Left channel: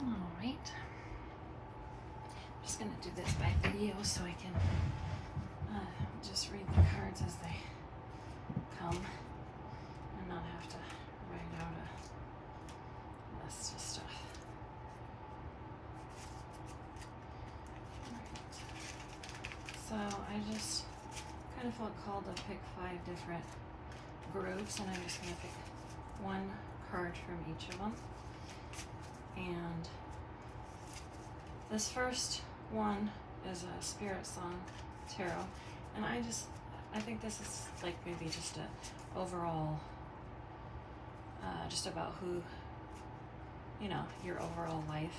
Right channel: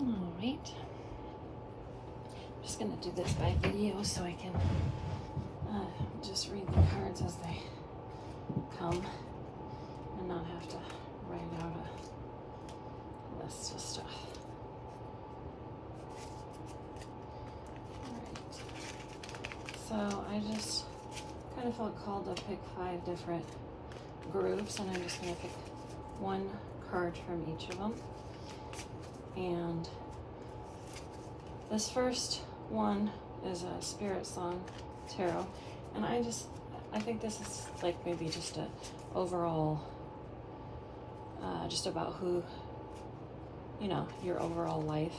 Alright. I'm just going to do this by video so I can just read the cards as they come and not have to write out a list of stuff. Alright. So I just kind of felt called to pick 5 different groups, and I'm just going to pick one card from each of them. And this first one is a Spirit Song Tarot, and I think this is like maybe just a overall, just about who, you know, your overall life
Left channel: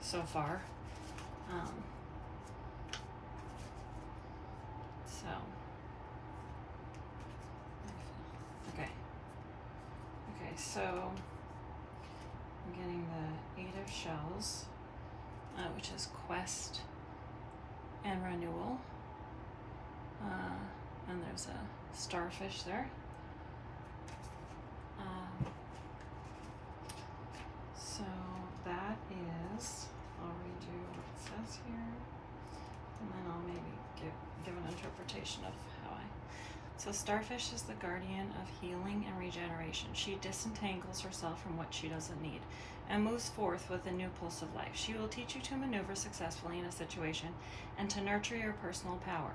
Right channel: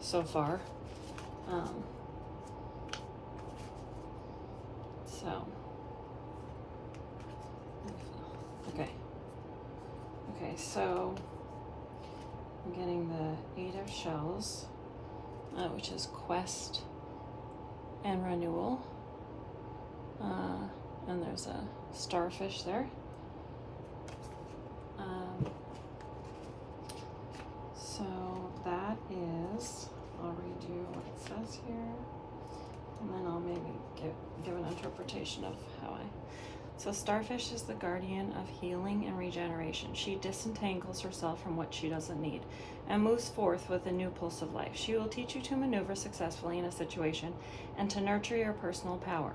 so far. Okay, so I'm getting the 8 of Shells, which is quest and renewal. And there's a starfish there. So that is, I'll redo what it says here, and then I'll maybe give an interpretation of how So starfish is the guardian of healing and regeneration. She disentangles herself from what she doesn't need and moves forth with a new pulse of life. She will teach you to maneuver successfully in a situation and to nurture your personal power.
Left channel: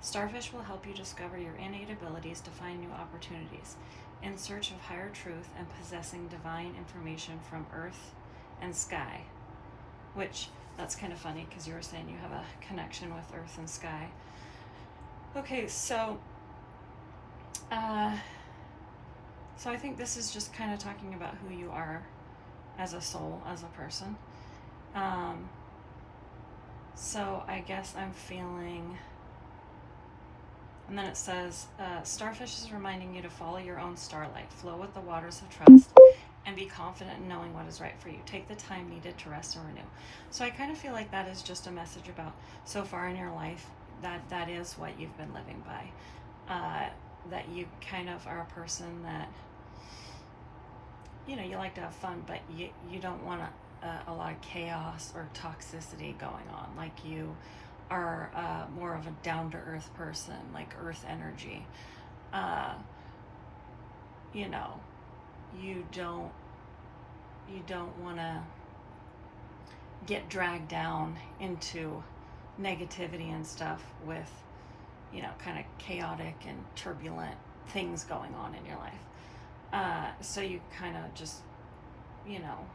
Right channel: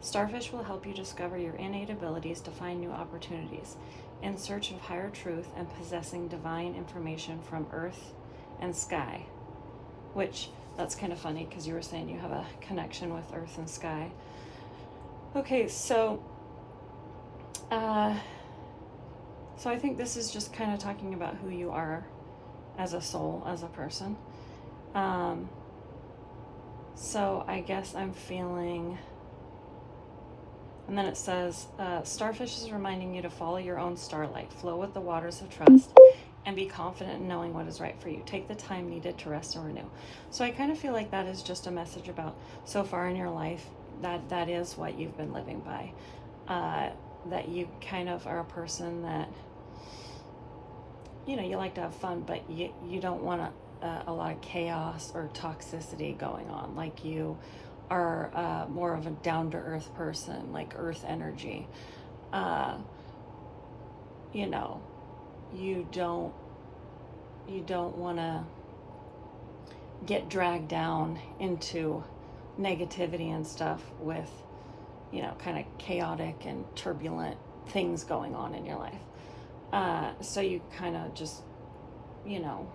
Starfish will help you discover your innate abilities to find new opportunities in search of higher truth and possessing divine information from earth and sky, which that's kind of funny because you were saying you have a connection with earth and sky. Okay, so I think this is just kind of talking about who you are as a soul, as a person. So I guess I'm feeling, and then it says, starfish is reminding you to follow your own starlight, flow with the waters of trust, and be confident in knowing what is right for you. Take the time needed to rest and renew. So I kind of feel like that is just a message about so far in your life that is what you've been living by. That you kind of are a person that, you know, you like to have fun, but you don't want a lot of chaos or toxicity going on. Like you are more of a down-to-earth person, like earth energy. You know, you don't want to get dragged down into negativity and stuff with, you know, kind of chaotic and turbulent things going on in your life. So you kind of just, you know,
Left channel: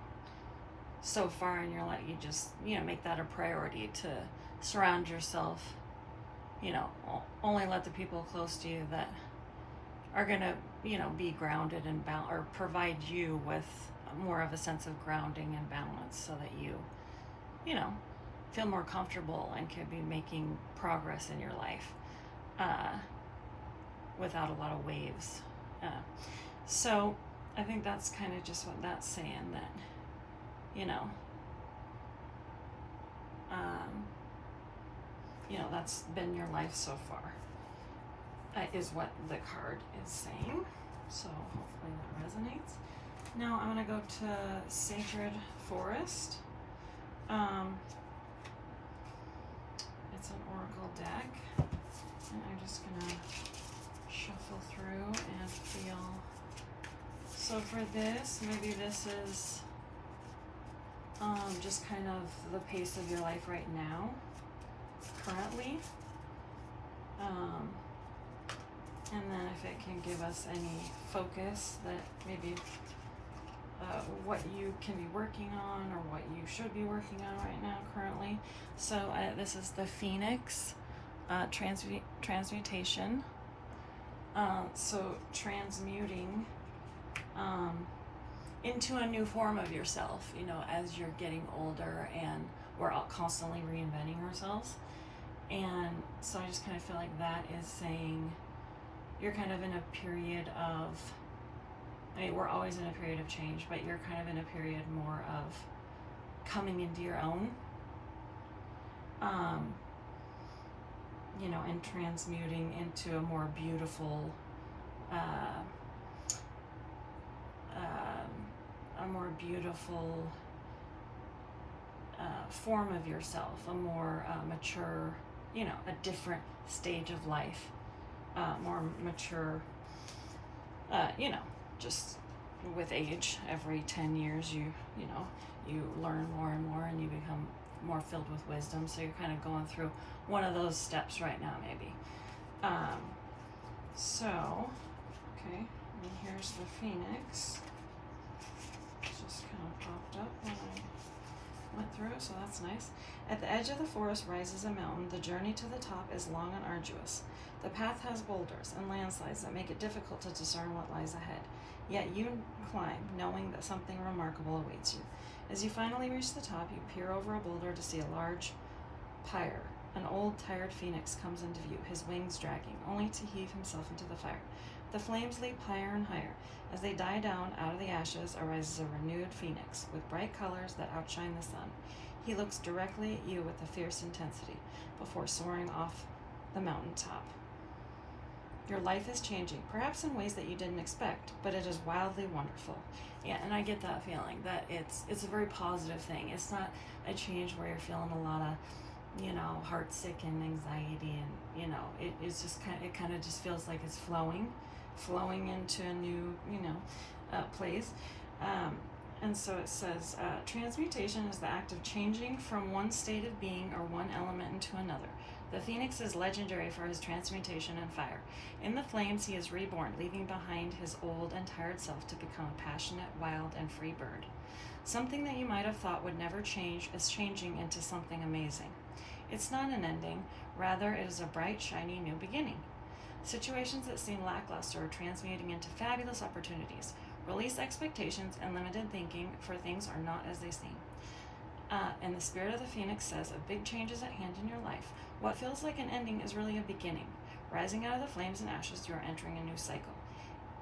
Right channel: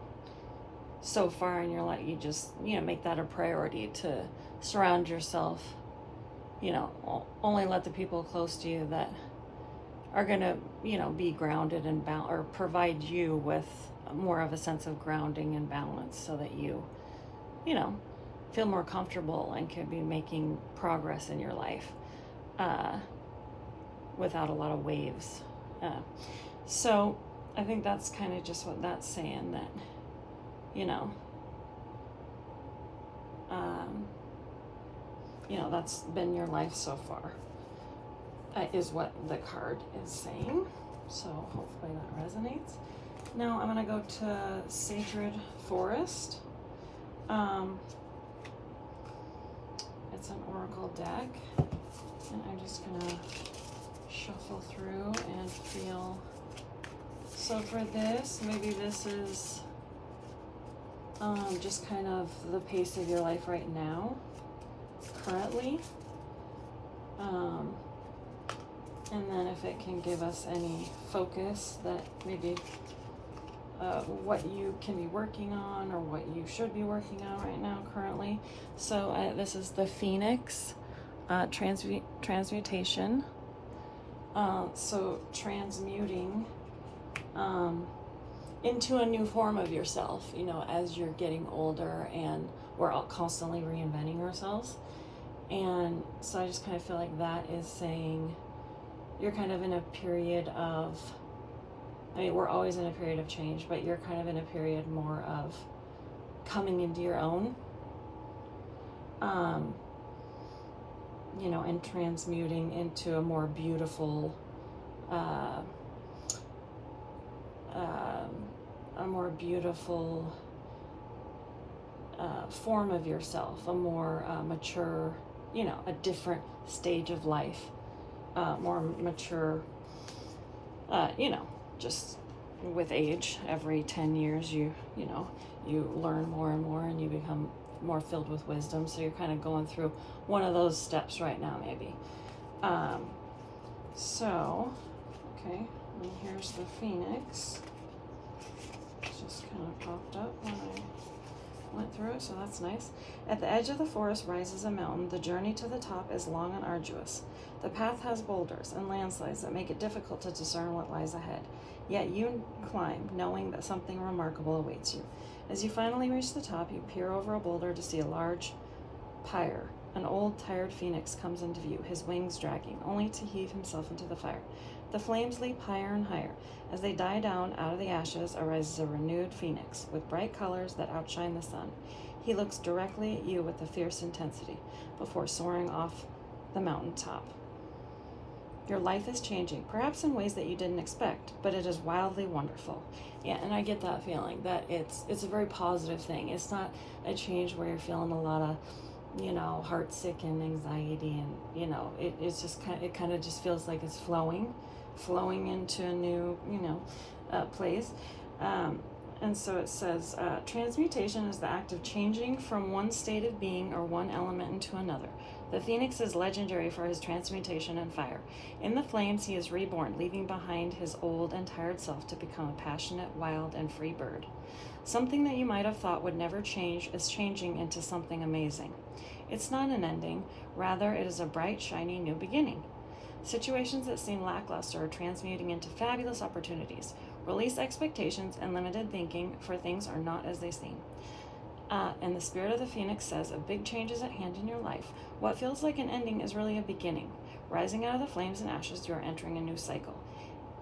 so far in your life, you just, you know, make that a priority to surround yourself, you know, only let the people close to you that are going to, you know, be grounded and or provide you with more of a sense of grounding and balance so that you know, feel more comfortable and can be making progress in your life. Without a lot of waves. So I think that's kind of just what that's saying, that, you know, that's been your life so far, is what the card is saying. So hopefully that resonates. Now I'm going to go to Sacred Forest. It's an oracle deck. And I'm just gonna shuffle through and feel. So for this, maybe this is just kind of the pace of your life right now, currently. And then if it can give us any focus that maybe what you can be working on or what you should be working on right now currently. So this is the Phoenix. Transmutation, so transmuting into a new form of yourself, you know, as you're getting older, and we're all constantly reinventing ourselves. And so I just kind of feel like that is saying you're kind of in a period of, I mean, we're always in a period of change, but you're kind of in a period more of coming into your own. You know, and transmuting into a more beautiful, form of yourself, a more mature, you know, a different stage of life, more mature, you know, just with age. Every 10 years, you know, you learn more and more, and you become more filled with wisdom. So you're kind of going through one of those steps right now, maybe. So, okay, and here's the Phoenix. It's just kind of popped up when I went through it, so that's nice. At the edge of the forest rises a mountain. The journey to the top is long and arduous. The path has boulders and landslides that make it difficult to discern what lies ahead. Yet you climb, knowing that something remarkable awaits you. As you finally reach the top, you peer over a boulder to see a large pyre. An old, tired phoenix comes into view, his wings dragging, only to heave himself into the fire. The flames leap higher and higher. As they die down, out of the ashes arises a renewed phoenix, with bright colors that outshine the sun. He looks directly at you with a fierce intensity, before soaring off the mountaintop. Your life is changing, perhaps in ways that you didn't expect, but it is wildly wonderful. Yeah, and I get that feeling that it's a very positive thing. It's not a change where you're feeling a lot of, you know, heartsick and anxiety, and you know, it's just kind of just feels like it's flowing into a new, you know, place. And so it says, transmutation is the act of changing from one state of being or one element into another. The phoenix is legendary for his transmutation and fire. In the flames, he is reborn, leaving behind his old and tired self to become a passionate, wild, and free bird. Something that you might have thought would never change is changing into something amazing. It's not an ending, rather it is a bright, shiny new beginning. Situations that seem lackluster are transmuting into fabulous opportunities. Release expectations and limited thinking, for things are not as they seem. And the spirit of the phoenix says a big change is at hand in your life. What feels like an ending is really a beginning. Rising out of the flames and ashes, you are entering a new cycle.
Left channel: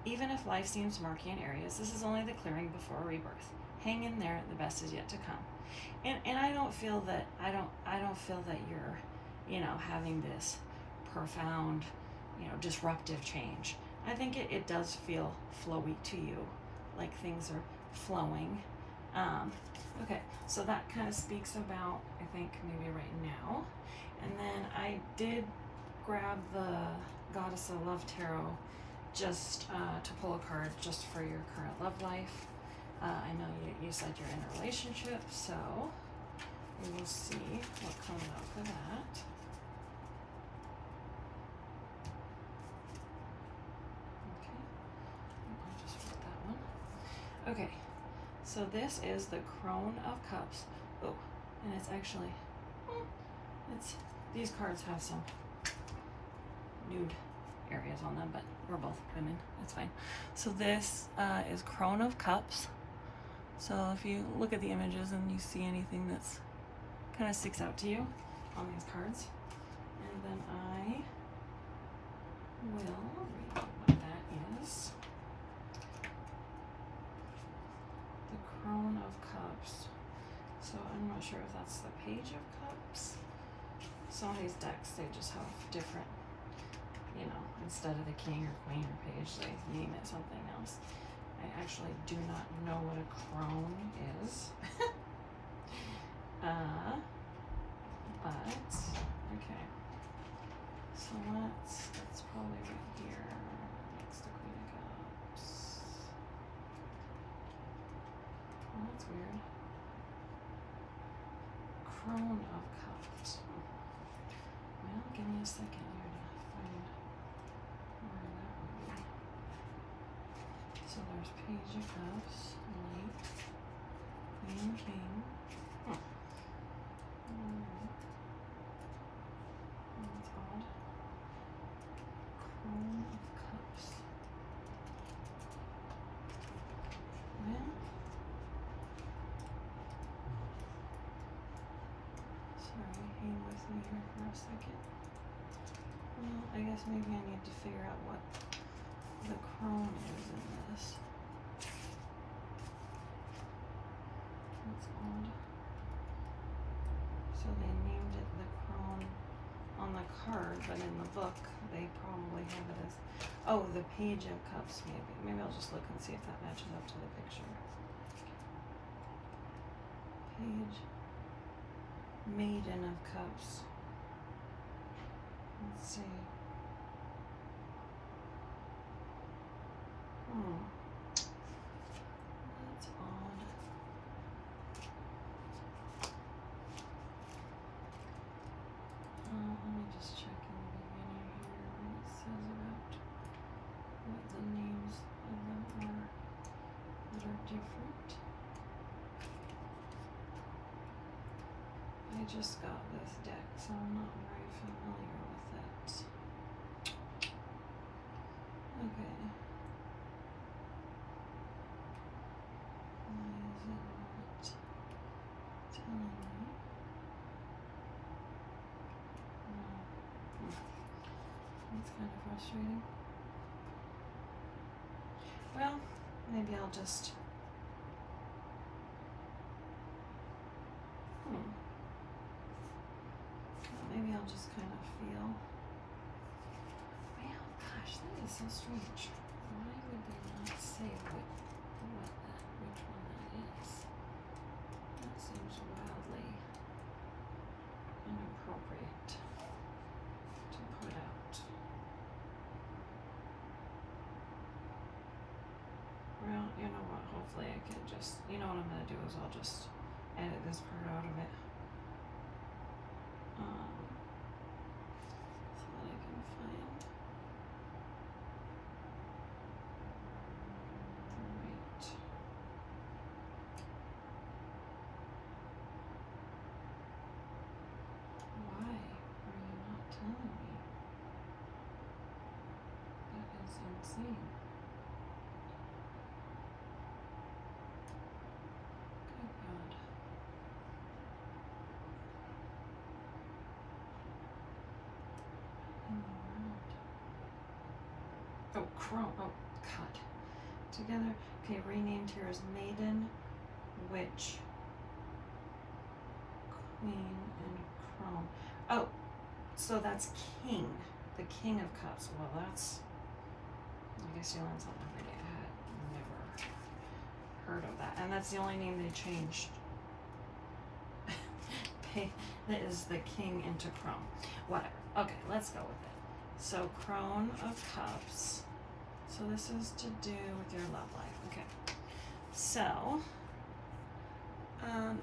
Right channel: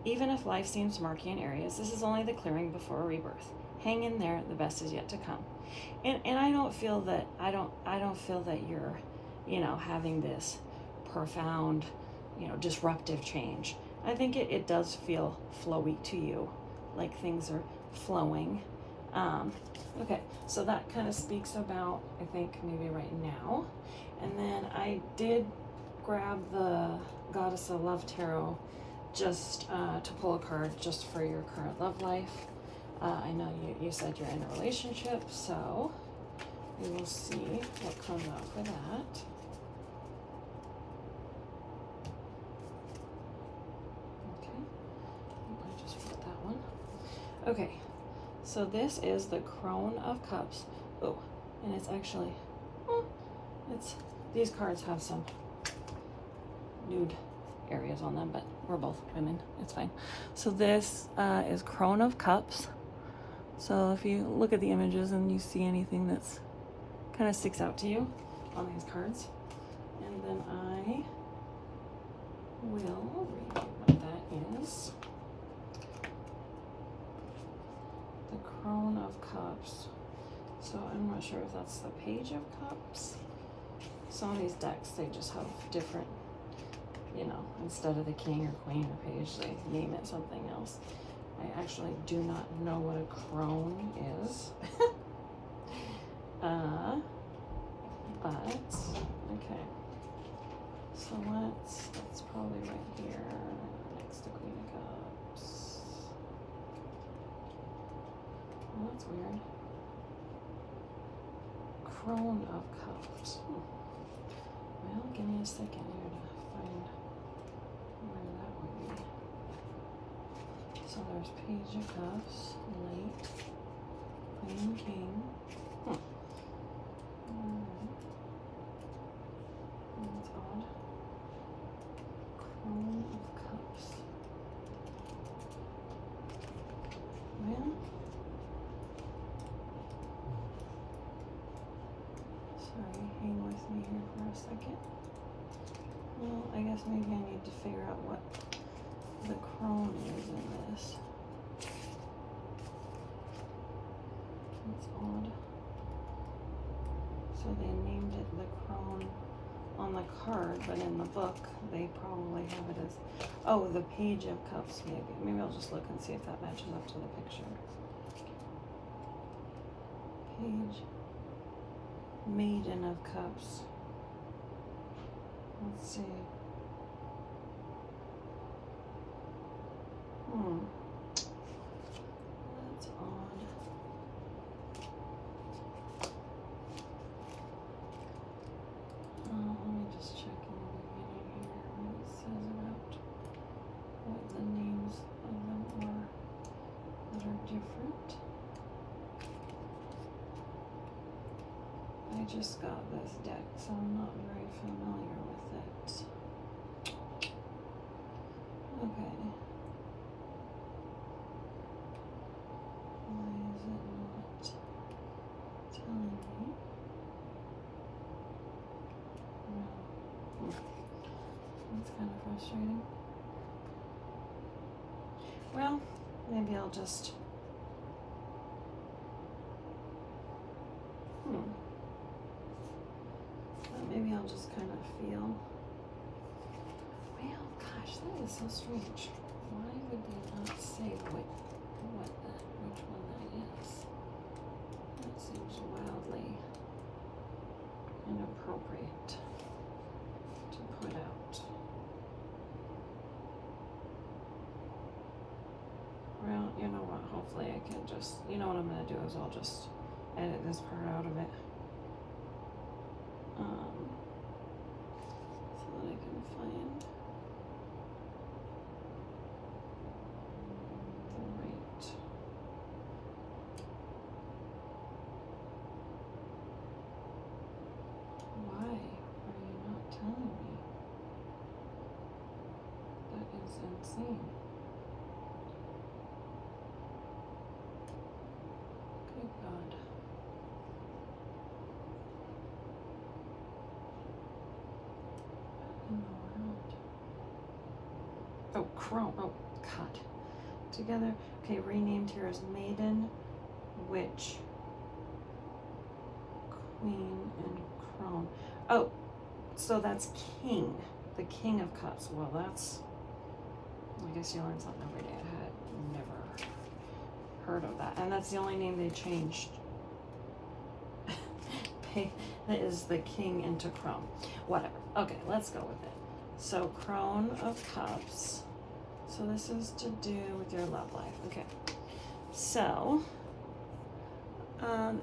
Even if life seems murky in areas, this is only the clearing before a rebirth. Hang in there, the best is yet to come. And I don't feel that you're, you know, having this profound, you know, disruptive change. I think it does feel flowy to you, like things are flowing. Okay, so that kind of speaks about, I think, maybe right now. And then I did grab the Goddess of Love Tarot just to pull a card just for your current love life. I know you said you're in a relationship, so we will see what comes out for that. Okay, I just put that one. Okay, so this is the Crone of Cups. Oh, and it's actually, these cards have some nude areas on them, but we're both women, it's fine. So this is Crone of Cups. So if you look at the images and you see anything that's kind of sticks out to you on these cards, and then I will read what that is. The Crone of Cups. So I'm not sure if that's the Page of Cups. Some of these decks, they just have different, you know, instead of the king or queen or page, they name it something else. I actually do not know what a crone is. But, okay. So that's probably right here. Next to Queen of Cups. Oh, that's weird. Crone of Cups. Well, give me a second here to find where that would be. So there's Page of Cups, Knight, Queen, King. That's odd. Crone of Cups. Well, sorry, hang with me here for a second. Well, I guess maybe I need to figure out what the crone is in this. That's odd. So they named it the crone on the card, but in the book they probably have it as, oh, the Page of Cups maybe. Maybe I'll just look and see if that matches up to the picture. Page Maiden of Cups. Let's see. That's odd. Let me just check in the beginning here what it says about what the names of them are that are different. I just got this deck, so I'm not very familiar with it. Okay. Why is it not telling me? That's kind of frustrating. Well, maybe I'll just maybe I'll just kind of feel. Well, gosh, that is so strange. Why would they not say which one that is? That seems wildly inappropriate to put out. Well, you know what? Hopefully I can just, you know what I'm going to do is I'll just edit this part out of it. So that I can find the right. Why are you not telling me? That is insane. Good God. Oh, Crone. Oh, God. Together. Okay, renamed here as Maiden, Witch, Queen, and Crone. Oh, so that's King. The King of Cups. Well, that's... I guess you learn something every day. I had never heard of that. And that's the only name they changed. That is the King into Crone. Whatever. Okay, let's go with it. So, Crone of Cups. So this is to do with your love life. Okay. So,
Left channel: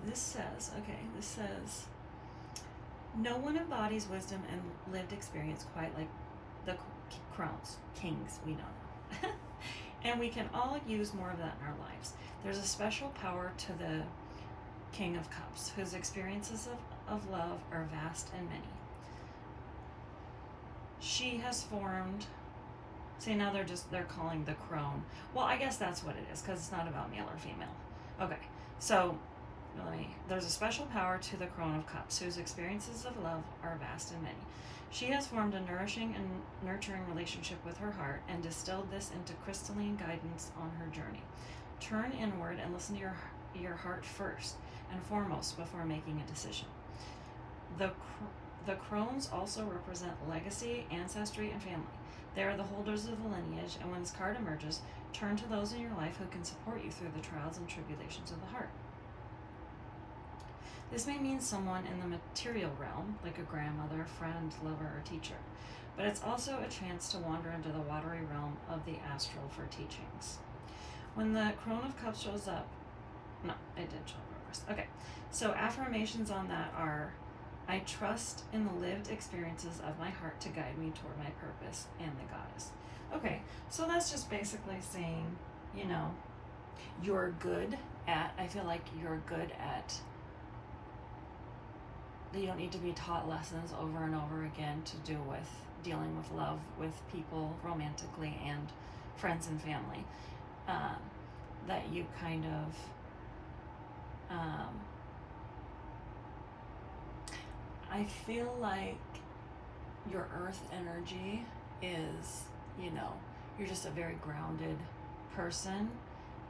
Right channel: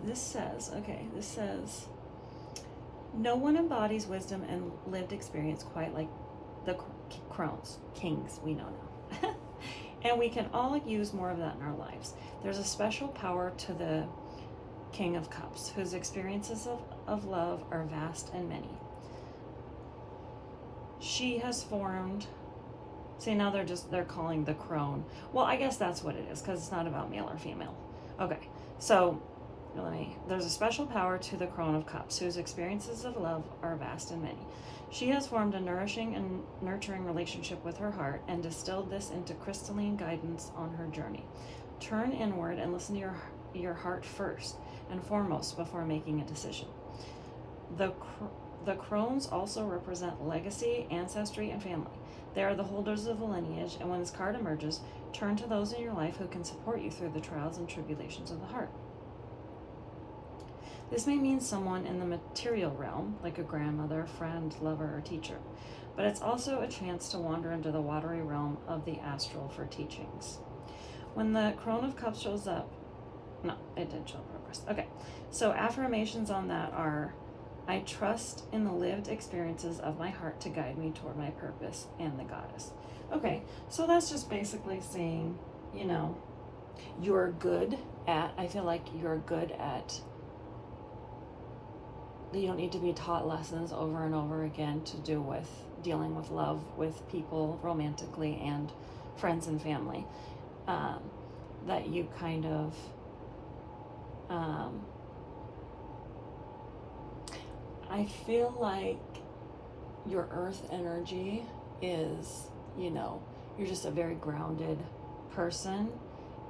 this says, no one embodies wisdom and lived experience quite like the Crones, kings we know now. And we can all use more of that in our lives. There's a special power to the King of Cups, whose experiences of love are vast and many. She has formed, see now they're calling the crone. Well, I guess that's what it is, because it's not about male or female. Okay, so there's a special power to the Crone of Cups, whose experiences of love are vast and many. She has formed a nourishing and nurturing relationship with her heart and distilled this into crystalline guidance on her journey. Turn inward and listen to your heart first and foremost before making a decision. The Crones also represent legacy, ancestry, and family. They are the holders of the lineage, and when this card emerges, turn to those in your life who can support you through the trials and tribulations of the heart. This may mean someone in the material realm, like a grandmother, friend, lover, or teacher, but it's also a chance to wander into the watery realm of the astral for teachings. When the Crone of Cups shows up, no, it didn't show up reversed. Okay, so affirmations on that are, I trust in the lived experiences of my heart to guide me toward my purpose and the goddess. Okay, so that's just basically saying, you know, you're good at, I feel like you're good at, you don't need to be taught lessons over and over again to do with dealing with love with people romantically and friends and family. That you kind of, I feel like your earth energy is, you know, you're just a very grounded person,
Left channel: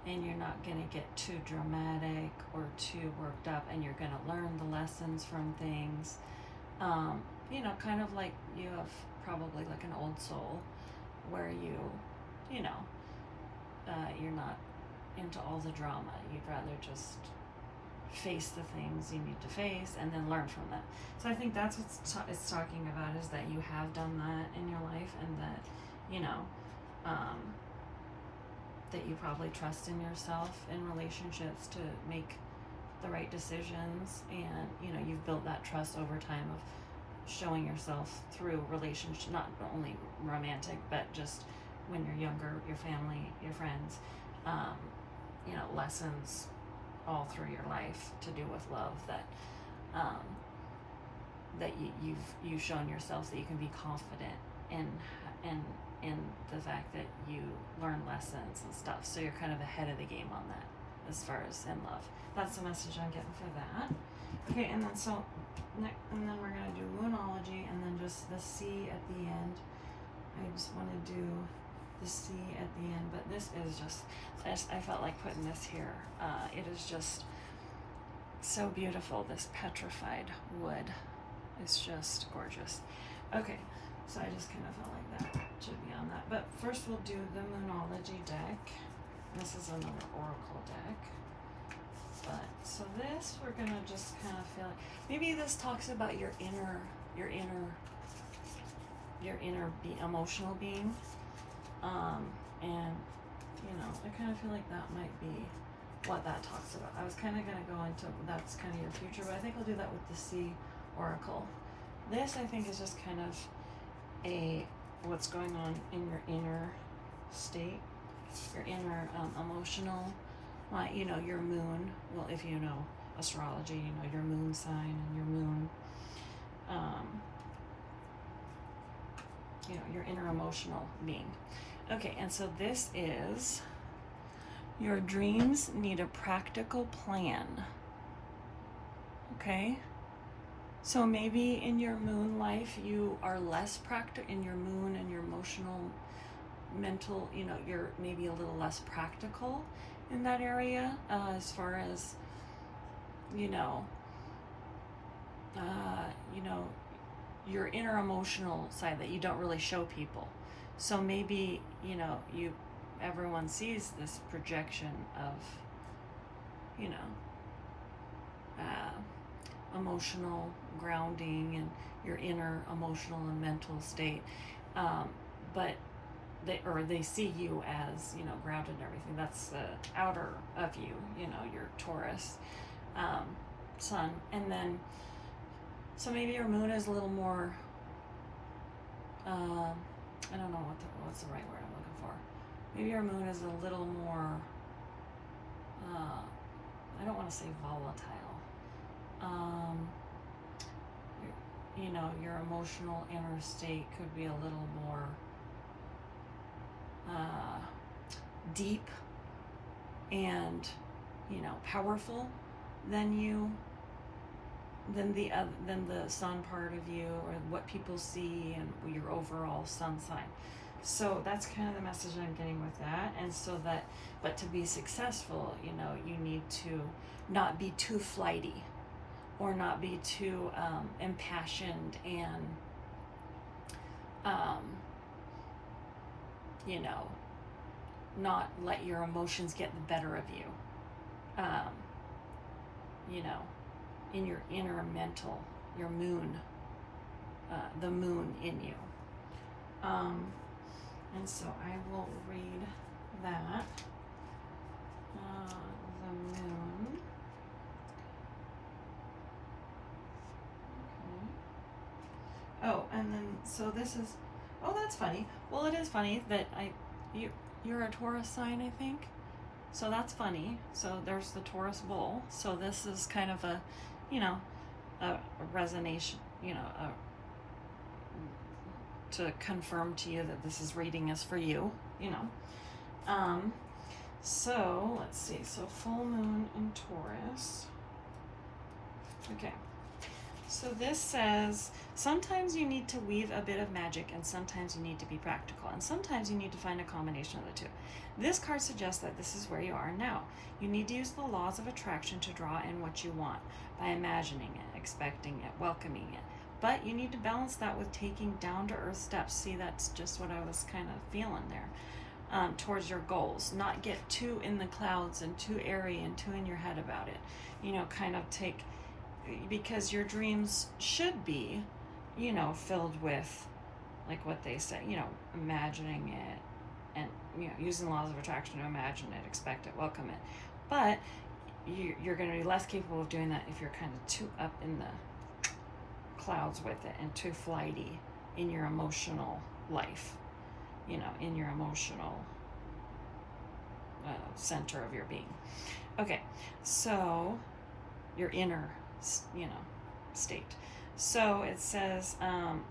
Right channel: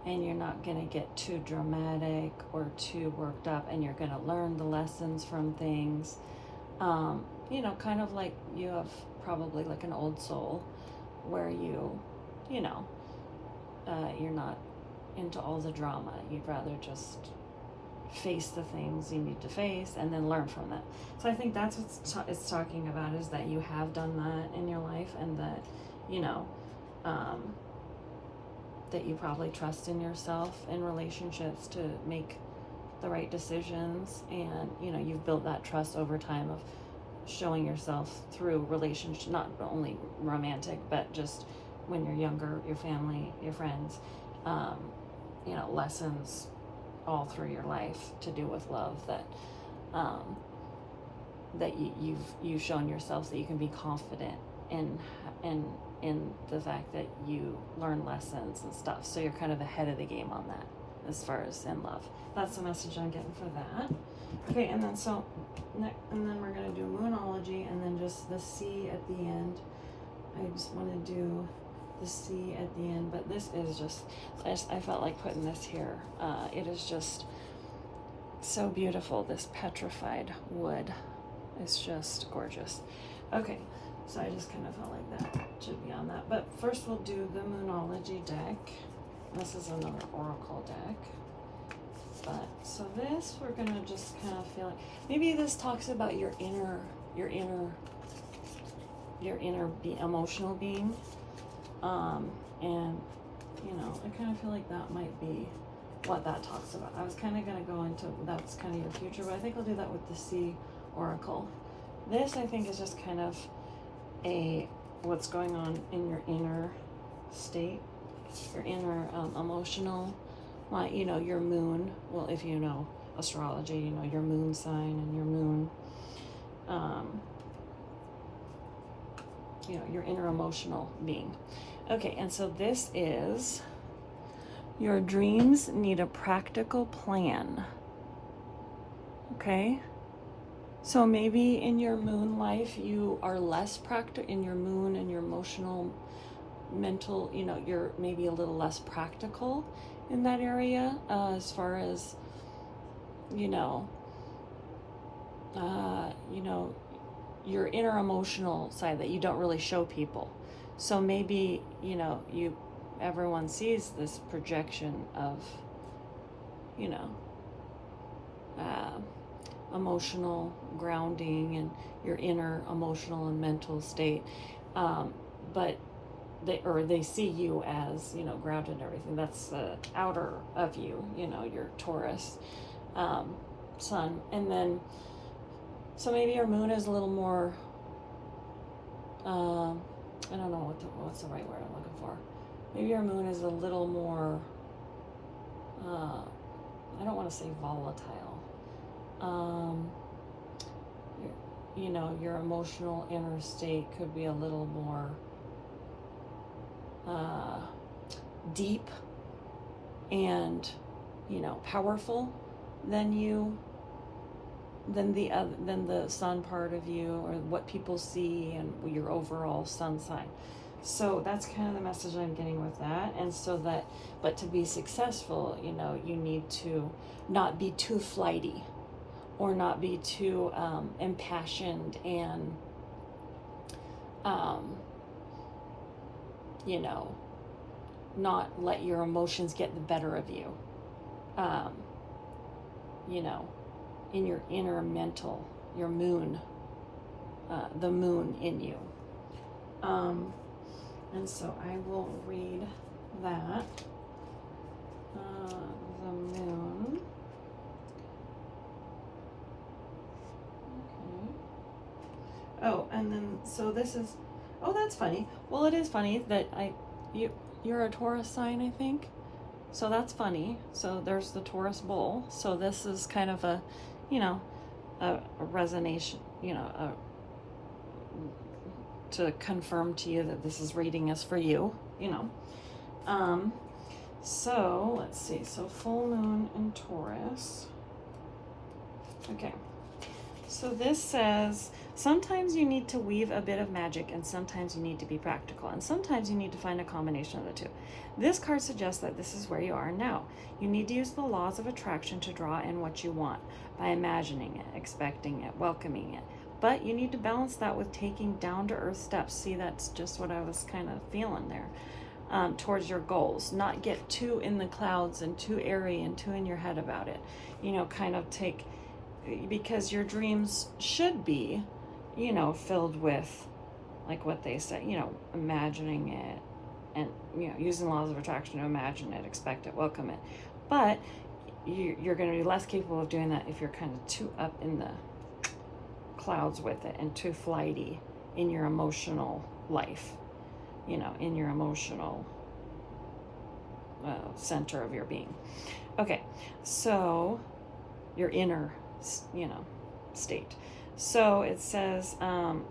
and you're not going to get too dramatic or too worked up, and you're going to learn the lessons from things. You know, kind of like you have probably like an old soul where you know, you're not into all the drama. You'd rather just face the things you need to face and then learn from them. So I think that's what it's talking about, is that you have done that in your life, and that, you know, that you probably trust in yourself in relationships to make the right decisions, and, you know, you've built that trust over time of showing yourself through relationships, not only romantic, but just when you're younger, your family, your friends, you know, lessons all through your life to do with love, that that you've shown yourself that you can be confident in the fact that you learn lessons and stuff. So you're kind of ahead of the game on that as far as in love. That's the message I'm getting for that. Okay, and then and then we're gonna do Moonology, and then just the C at the end. I just want to do the C at the end, but this is just, I felt like putting this here. It is just so beautiful. This petrified wood is just gorgeous. Okay, so I just kind of felt like that should be on that. But first we'll do the Moonology deck. This is another Oracle deck. But so this, we're gonna just kind of feel like, maybe this talks about your inner emotional being. And, you know, I kind of feel like that might be what that talks about. I was kind of going to go into, that's kind of your future, but I think I'll do that with the Sea Oracle. This, I think, is just kind of what's going on in your inner state, your inner emotional, you know, your moon. Well, if you know astrology, you know your moon sign and your moon, you know, your inner emotional being. Okay, and so this is, your dreams need a practical plan. Okay? So maybe in your moon life, you are less practical, in your moon and your emotional, mental, you know, you're maybe a little less practical in that area, as far as, you know, your inner emotional side that you don't really show people. So maybe, you know, everyone sees this projection of, you know, emotional grounding and your inner emotional and mental state, but they see you as, you know, grounded and everything. That's the outer of you, you know, your Taurus sun. And then, so maybe your moon is a little more, I don't know what's the right word I'm looking for. Maybe your moon is a little more, I don't want to say volatile. You know, your emotional inner state could be a little more deep and, you know, powerful than the sun part of you, or what people see, and your overall sun sign. So that's kind of the message I'm getting with that. And so that, but to be successful, you know, you need to not be too flighty, or not be too impassioned, and you know, not let your emotions get the better of you. You know, in your inner mental, your moon, the moon in you. And so I will read that. The moon. Okay. Oh, and then, so this is, oh, that's funny. Well, it is funny that you're a Taurus sign, I think. So that's funny. So there's the Taurus bull. So this is kind of a, you know, a resonation, you know, to confirm to you that this is reading is for you, you know. So let's see. So full moon in Taurus. Okay. So this says, sometimes you need to weave a bit of magic, and sometimes you need to be practical, and sometimes you need to find a combination of the two. This card suggests that this is where you are now. You need to use the laws of attraction to draw in what you want by imagining it, expecting it, welcoming it. But you need to balance that with taking down-to-earth steps. See, that's just what I was kind of feeling there. towards your goals. Not get too in the clouds and too airy and too in your head about it. You know, kind of take, because your dreams should be, you know, filled with, like what they say, you know, imagining it and, you know, using laws of attraction to imagine it, expect it, welcome it. But you're going to be less capable of doing that if you're kind of too up in the clouds with it and too flighty in your emotional life, you know, in your emotional center of your being. Okay, so your inner, you know, state. So it says,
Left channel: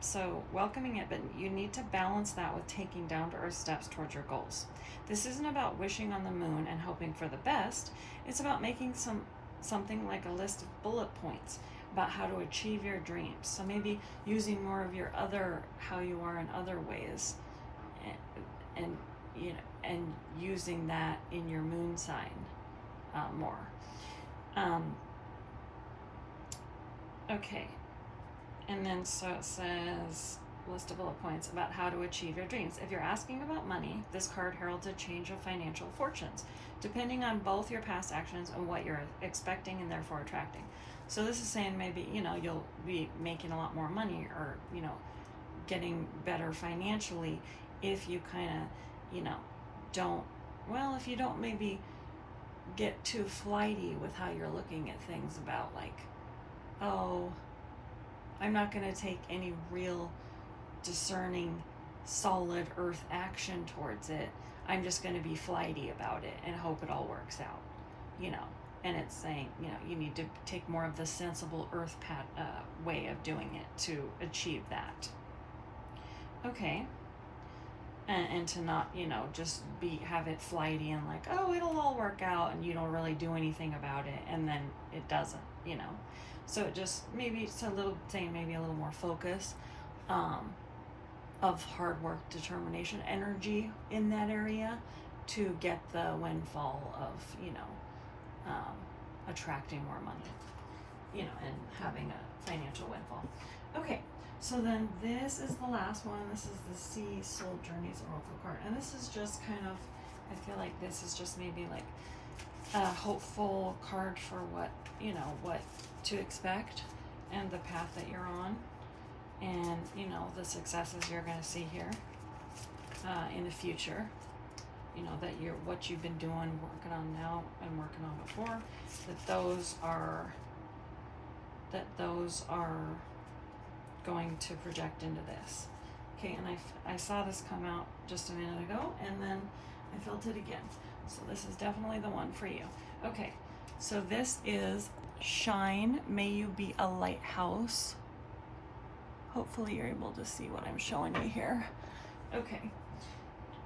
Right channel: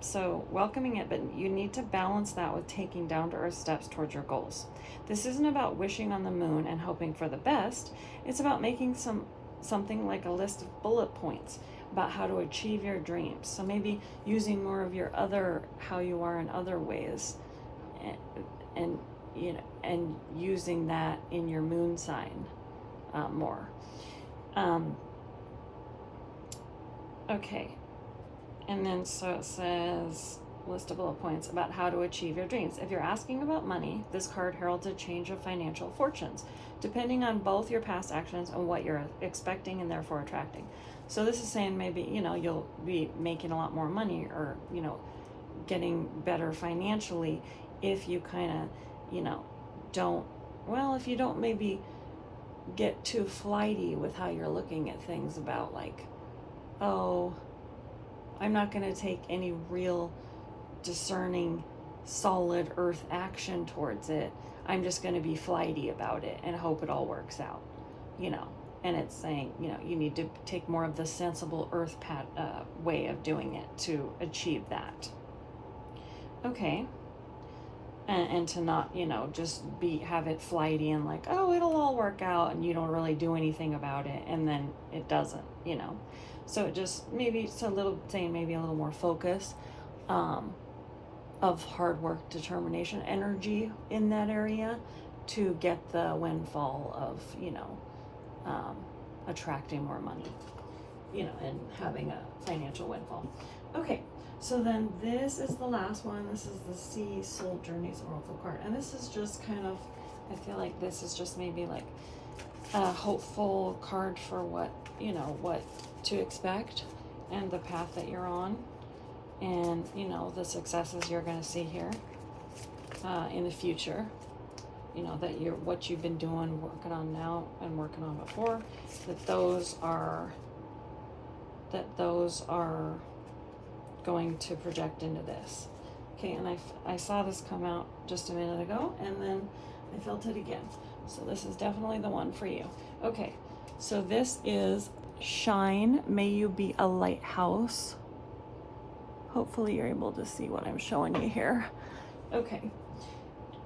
so welcoming it, but you need to balance that with taking down-to-earth steps towards your goals. This isn't about wishing on the moon and hoping for the best. It's about making something like a list of bullet points about how to achieve your dreams. So maybe using more of your other, how you are in other ways, and you know, and using that in your moon sign more. Okay. And then so it says, list of bullet points about how to achieve your dreams. If you're asking about money, this card heralds a change of financial fortunes, depending on both your past actions and what you're expecting and therefore attracting. So this is saying maybe, you know, you'll be making a lot more money or, you know, getting better financially if you kind of, you know, if you don't maybe get too flighty with how you're looking at things about like, oh, I'm not going to take any real discerning, solid earth action towards it. I'm just going to be flighty about it and hope it all works out, you know. And it's saying, you know, you need to take more of the sensible earth way of doing it to achieve that. Okay. And to not, you know, just have it flighty and like, oh, it'll all work out, and you don't really do anything about it, and then it doesn't, you know. So it just, maybe it's a little more focus of hard work, determination, energy in that area to get the windfall of, you know, attracting more money, you know, and having a financial windfall. Okay, so then this is the last one. This is the Sea Soul Journeys Oracle card. And this is just kind of, I feel like this is just maybe like a hopeful card for what, you know, what to expect and the path that you're on, and you know, the successes you're going to see here in the future, you know, that what you've been doing, working on now and working on before, those are going to project into this. Okay, and I saw this come out just a minute ago, and then I felt it again. So this is definitely the one for you. Okay, so this is Shine, May You Be a Lighthouse. Hopefully you're able to see what I'm showing you here. Okay,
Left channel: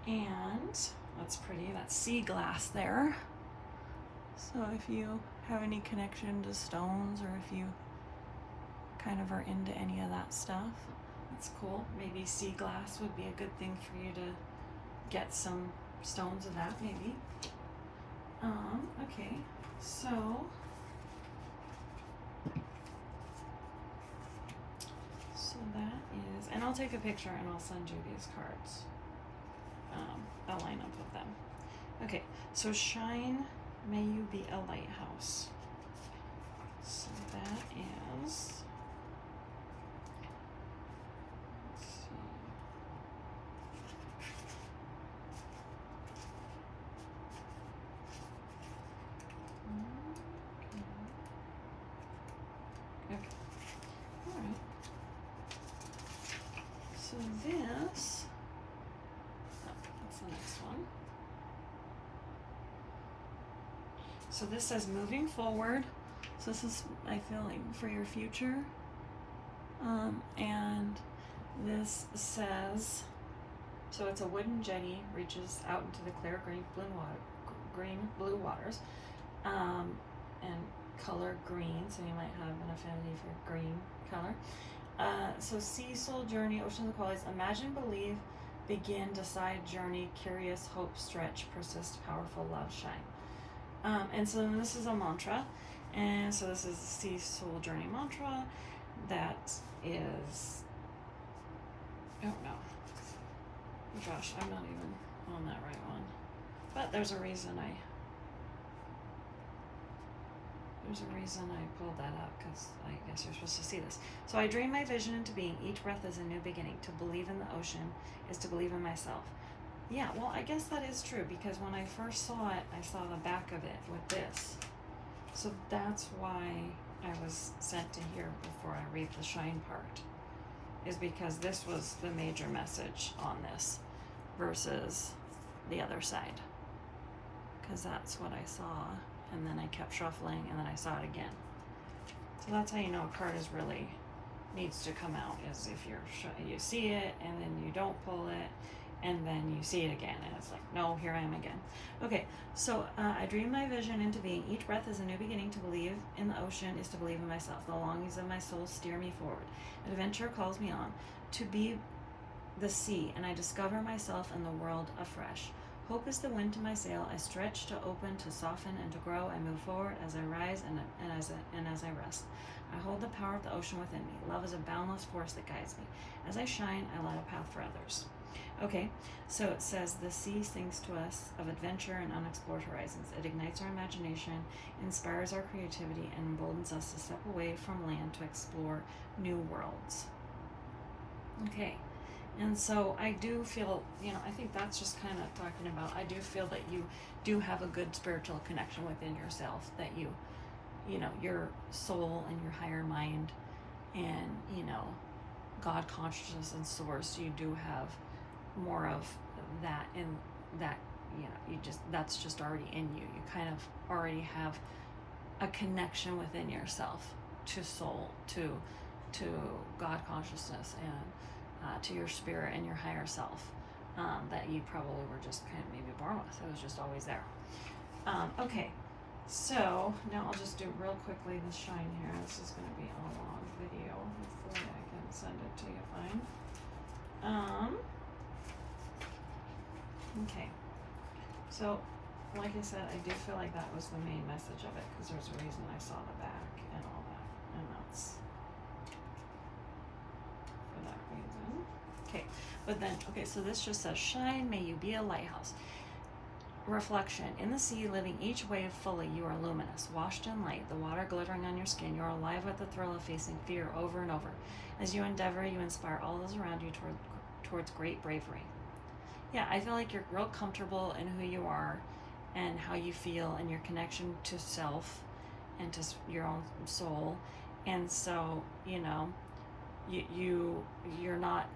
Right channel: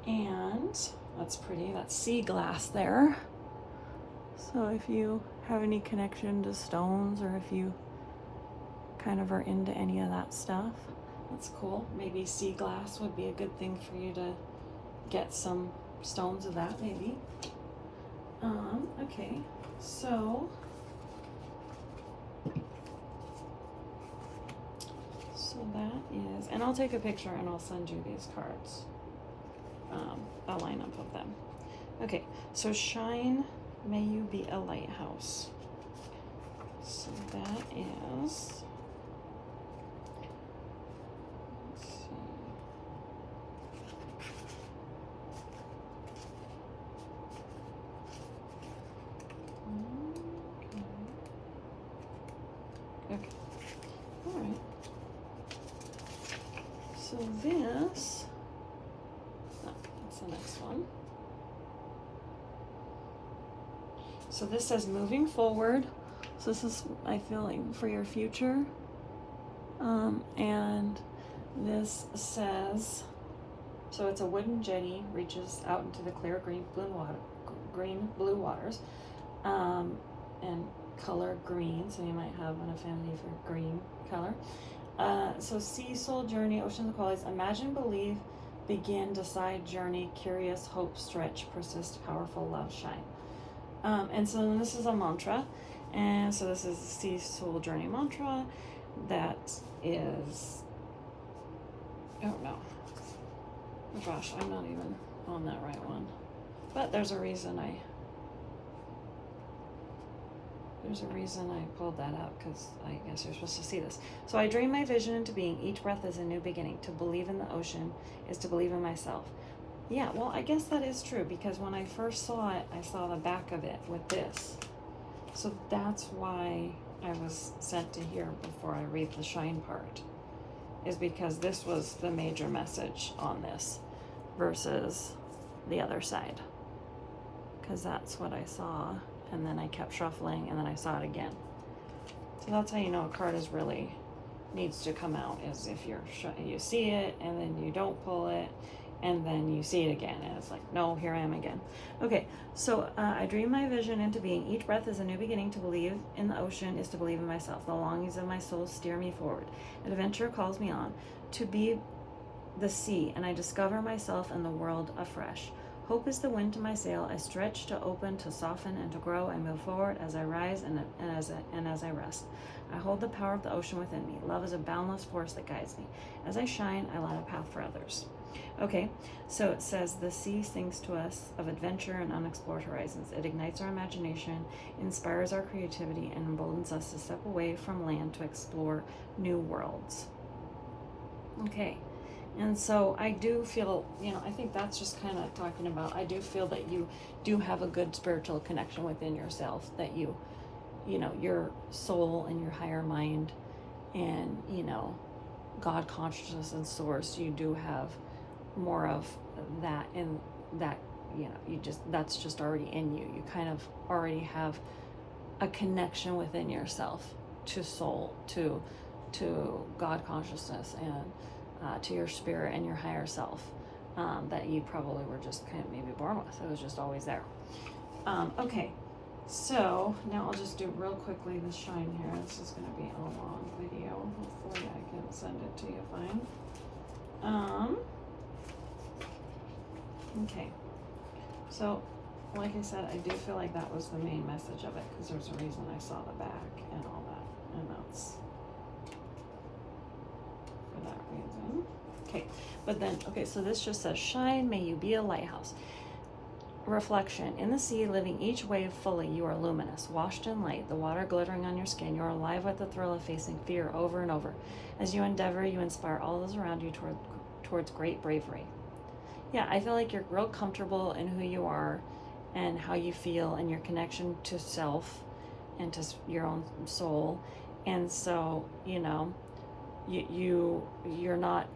and that's pretty. That's sea glass there. So if you have any connection to stones, or if you kind of are into any of that stuff, that's cool. Maybe sea glass would be a good thing for you to get some stones of that, maybe. Okay, so that is, and I'll take a picture and I'll send you these cards. I'll line up with them. Okay, so Shine, May You Be a Lighthouse. So that is, okay. All right. So this, that's the next one. So this says moving forward. So this is, I feel like, for your future. And this says, so it's a wooden jetty, reaches out into the clear green blue waters, and color green, so you might have an affinity for green color. So Sea Soul Journey, Oceans of Qualities, imagine, believe, begin, decide, journey, curious, hope, stretch, persist, powerful, love, shine. And so this is a mantra, and so this is the Sea Soul Journey mantra. That is, I don't know. Oh gosh, I'm not even on that right one. But there's a reason I pulled that out, because I guess you're supposed to see this. So I dream my vision into being. Each breath is a new beginning. To believe in the ocean is to believe in myself. Yeah, well, I guess that is true, because when I first saw it, I saw the back of it with this. So that's why I was sent to here before I read the shine part, is because this was the major message on this versus the other side. Because that's what I saw, and then I kept shuffling, and then I saw it again. So that's how you know a card is really needs to come out, is if you see it, and then you don't pull it, and then you see it again, and it's like, no, here I am again. Okay, so I dream my vision into being. Each breath is a new beginning. To believe in the ocean is to believe in myself. The longings of my soul steer me forward. Adventure calls me on. To be the sea, and I discover myself and the world afresh. Hope is the wind to my sail. I stretch to open, to soften, and to grow. I move forward as I rise and as I rest. I hold the power of the ocean within me. Love is a boundless force that guides me. As I shine, I light a path for others. Okay, so it says the sea sings to us of adventure and unexplored horizons. It ignites our imagination, inspires our creativity, and emboldens us to step away from land to explore new worlds. Okay, and so I do feel, I think that's just kind of talking about, I do feel that you do have a good spiritual connection within yourself, that your soul and your higher mind and, God consciousness and source, you do have more of that, and that, that's just already in you. You kind of already have a connection within yourself to soul, to God consciousness, and to your spirit and your higher self, that you probably were just kind of maybe born with. It was just always there. Okay, so now I'll just do real quickly the shine here. This is going to be a long video. Hopefully I can send it to you fine. Okay, so like I said, I do feel like that was the main message of it, because there's a reason I saw the back and all that, and that's for that reason. Okay, but then, okay, so this just says, shine, may you be a lighthouse. Reflection, in the sea, living each wave fully, you are luminous, washed in light, the water glittering on your skin. You are alive with the thrill of facing fear over and over. As you endeavor, you inspire all those around you towards great bravery. Yeah, I feel like you're real comfortable in who you are and how you feel and your connection to self and to your own soul. And so, you're not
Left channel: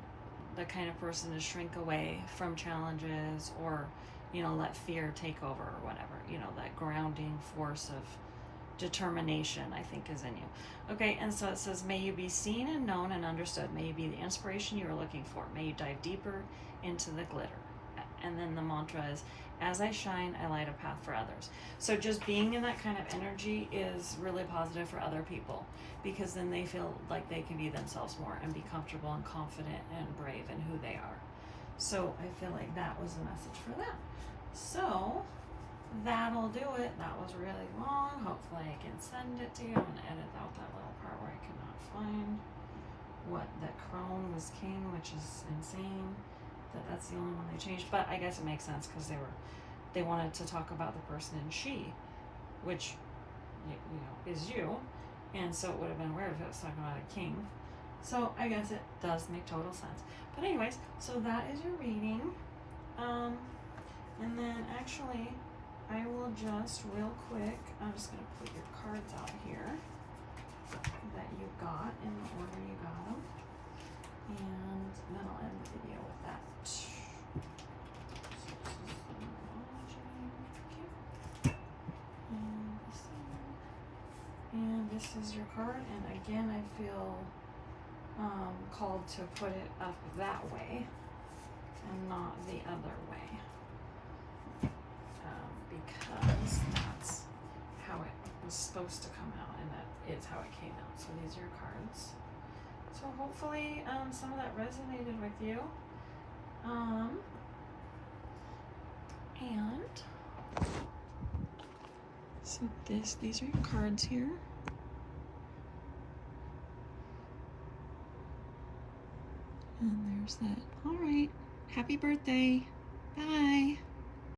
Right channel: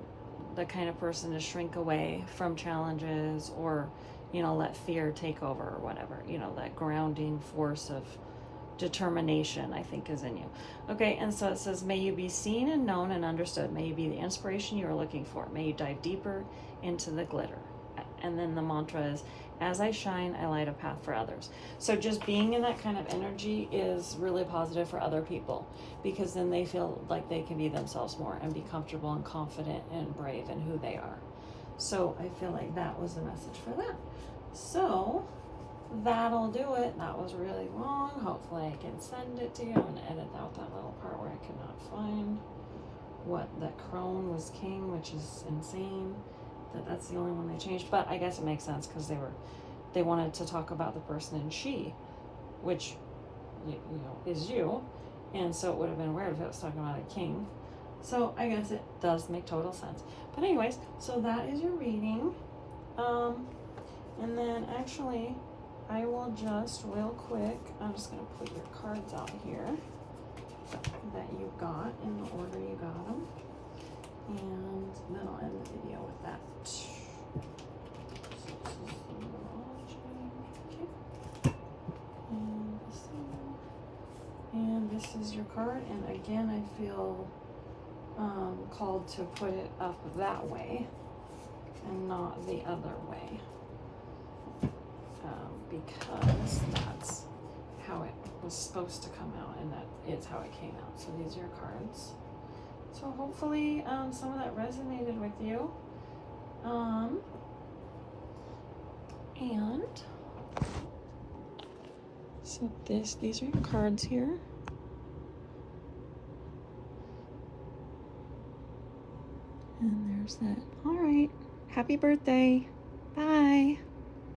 the kind of person to shrink away from challenges or, let fear take over or whatever. That grounding force of determination, I think, is in you. Okay, and so it says, may you be seen and known and understood. May you be the inspiration you are looking for. May you dive deeper into the glitter. And then the mantra is, as I shine, I light a path for others. So just being in that kind of energy is really positive for other people, because then they feel like they can be themselves more and be comfortable and confident and brave in who they are. So I feel like that was the message for them. So that'll do it. That was really long. Hopefully I can send it to you. I'm going to edit out that little part where I could not find what the crone was king, which is insane. That's the only one they changed, but I guess it makes sense, because they wanted to talk about the person in she, which is you, and so it would have been weird if it was talking about a king. So I guess it does make total sense. But anyways, so that is your reading. And then actually, I will just real quick, I'm just gonna put your cards out here that you got in the order you got them. And then I'll end the video with that. And this is your card. And again, I feel called to put it up that way and not the other way, because that's how it was supposed to come out, and that is how it came out. So these are your cards. So hopefully some of that resonated with you. And so these are your cards here. And there's that. All right. Happy birthday. Bye.